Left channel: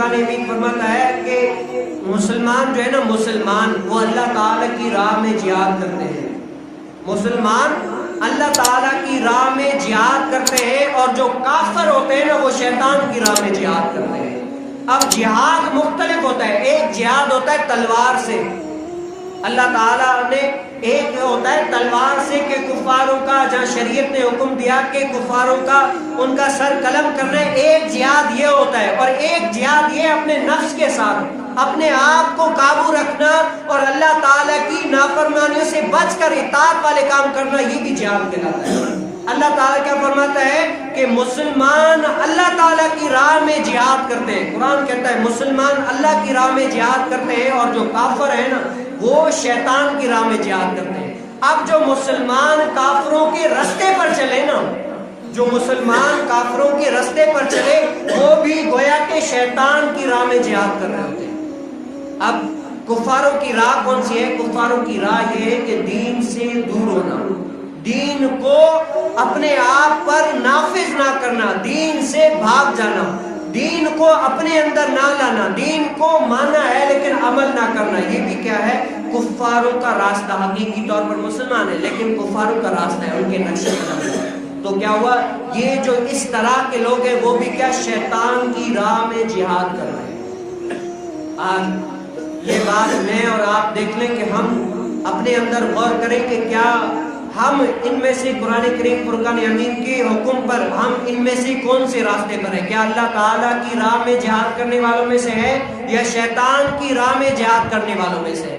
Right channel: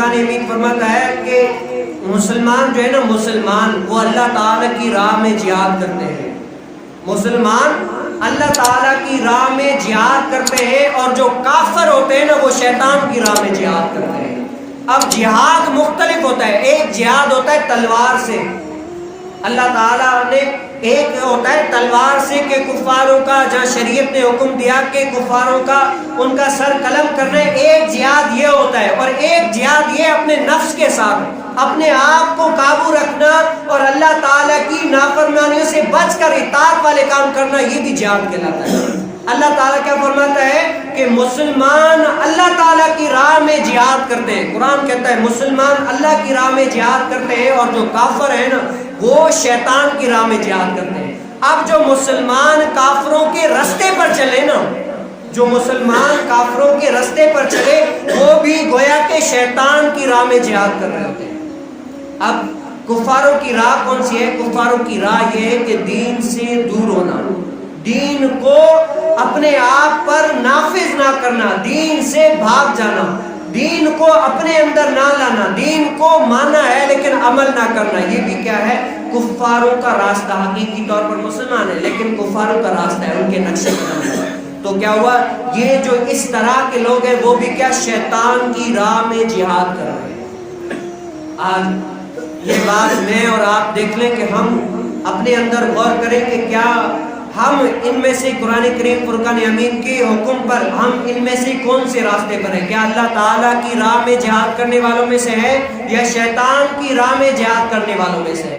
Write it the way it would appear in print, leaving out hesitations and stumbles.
فرقان حمید فرماتا ہے کہ مسلمان جو ہے نا، مسلمان وہ اللہ تعالیٰ کی راہ میں جہاد کرتے ہیں، مسلمان اللہ تعالیٰ کی راہ میں جہاد کرتے ہیں، اور جو کافر ہوتے ہیں نا وہ شیطان کی راہ میں جہاد کرتے ہیں۔ اب جہاد مختلف ہوتا ہے، ایک جہاد ہوتا ہے تلوار سے، اللہ تعالیٰ نے ایک ہوتا ہے تلوار سے کہ کفاروں کا، جہاں شریعت نے حکم دیا کہ کفاروں کا ان کا سر قلم کرنا ہے، ایک جہاد یہ ہوتا ہے، اور ایک جہاد یہ اپنے نفس کے ساتھ اپنے آپ کو قابو رکھنا اور اللہ تعالیٰ کی نافرمانیوں سے بچ کر اطاعت والے کام کرنا، یہ بھی جہاد کہلاتا ہے۔ اللہ تعالیٰ کیا فرماتا ہے کہ مسلمان اللہ تعالیٰ کی راہ میں جہاد کرتے ہیں، قرآن کہتا ہے مسلمان اللہ کی راہ میں جہاد کرتے ہیں، اور جو کافر ہیں نا وہ شیطان کی راہ میں جہاد کرتے ہیں۔ اب جو مسلمان کافروں کے رستے پر چلے نا، جو مسلمان کافروں کے رستے پر چلے، وہ بھی گویا کہ شیطان کی راہ میں جہاد کر رہے ہوتے ہیں۔ اب کفاروں کی راہ کون سی ہے؟ کفاروں کی راہ یہ ہے کہ دین سے دور ہونا، دین کو اپنے آپ پر نافذ نہ کرنا، دین سے بھاگ جانا، دین کو اپنے اندر نہ لانا، دین کو مانا ہے لیکن عمل نہ کرنا، یہ بھی کیا ہے؟ کفاروں کا راستہ۔ حقیقی طور پر مسلمان ہے لیکن کفاروں کا راستہ ہے، ان کے نقشے پر ہے۔ تو کیا ہوا؟ یہ جو اس طرح کے لوگ ہیں وہ بھی کیا؟ شیطان کی راہ میں جہاد کر رہے ہیں۔ آج یہ بات میں اور آپ دیکھ لیں کہ ہم اپنے اندر غور کریں کہ کیا ہم ان میں سے قرآن کریم فرقان حمید کے حکم پر ہم ان میں سے کون سے راستے پر ہیں؟ کیا اللہ تعالیٰ کی راہ میں جہاد کرنے والوں میں سے ہے یا شیطان کی راہ میں جہاد کرنے والوں میں سے ہے؟